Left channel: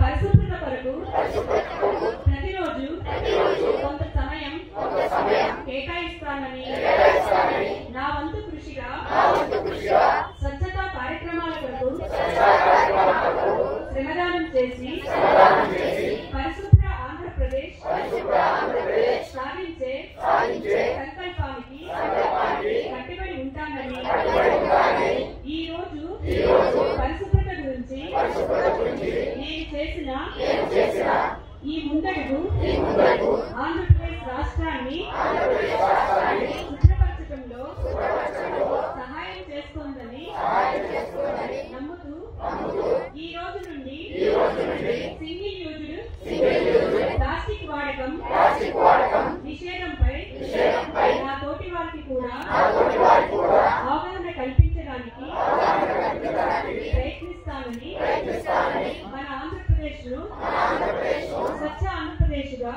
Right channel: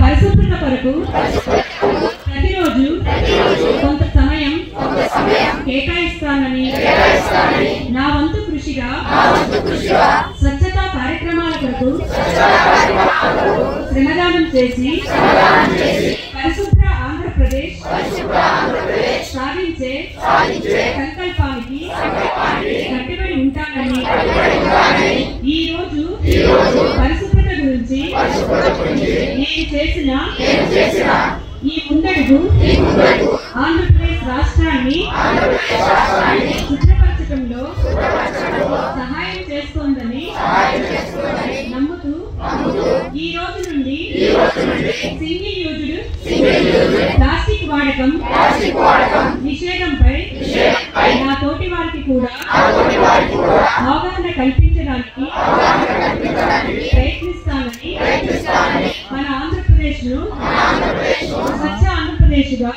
పరిశుభ్రత కొరకు ప్రతిరోజు కొంత సమయం కేటాయిస్తానని నా వంతు కృషిగా స్వచ్ఛతా కార్యక్రమాల కొరకు శ్రమదానం చేసి పరిశుభ్ర ఆంధ్రప్రదేశ్ సాధించే సంకల్పానికి కట్టుబడి ఉంటానని ఈ రోజు పరిశుభ్రత గురించి నేను చేసిన ఈ ముందడుగు ఆంధ్రప్రదేశ్ రాష్ట్రాన్ని శుభ్రపరచడంలో సహాయం చేస్తోందని నమ్ముతూ ఈ రోజు నుండి సింగిల్ యూజ్డ్ ప్లాస్టిక్ వాడకం నిషేధంపై నా తోటి వారికి కూడా అవగాహన కల్పించడానికి ప్రయత్నిస్తానని మన ఆంధ్రప్రదేశ్ ను స్వచ్ఛ ఆంధ్రప్రదేశ్ గా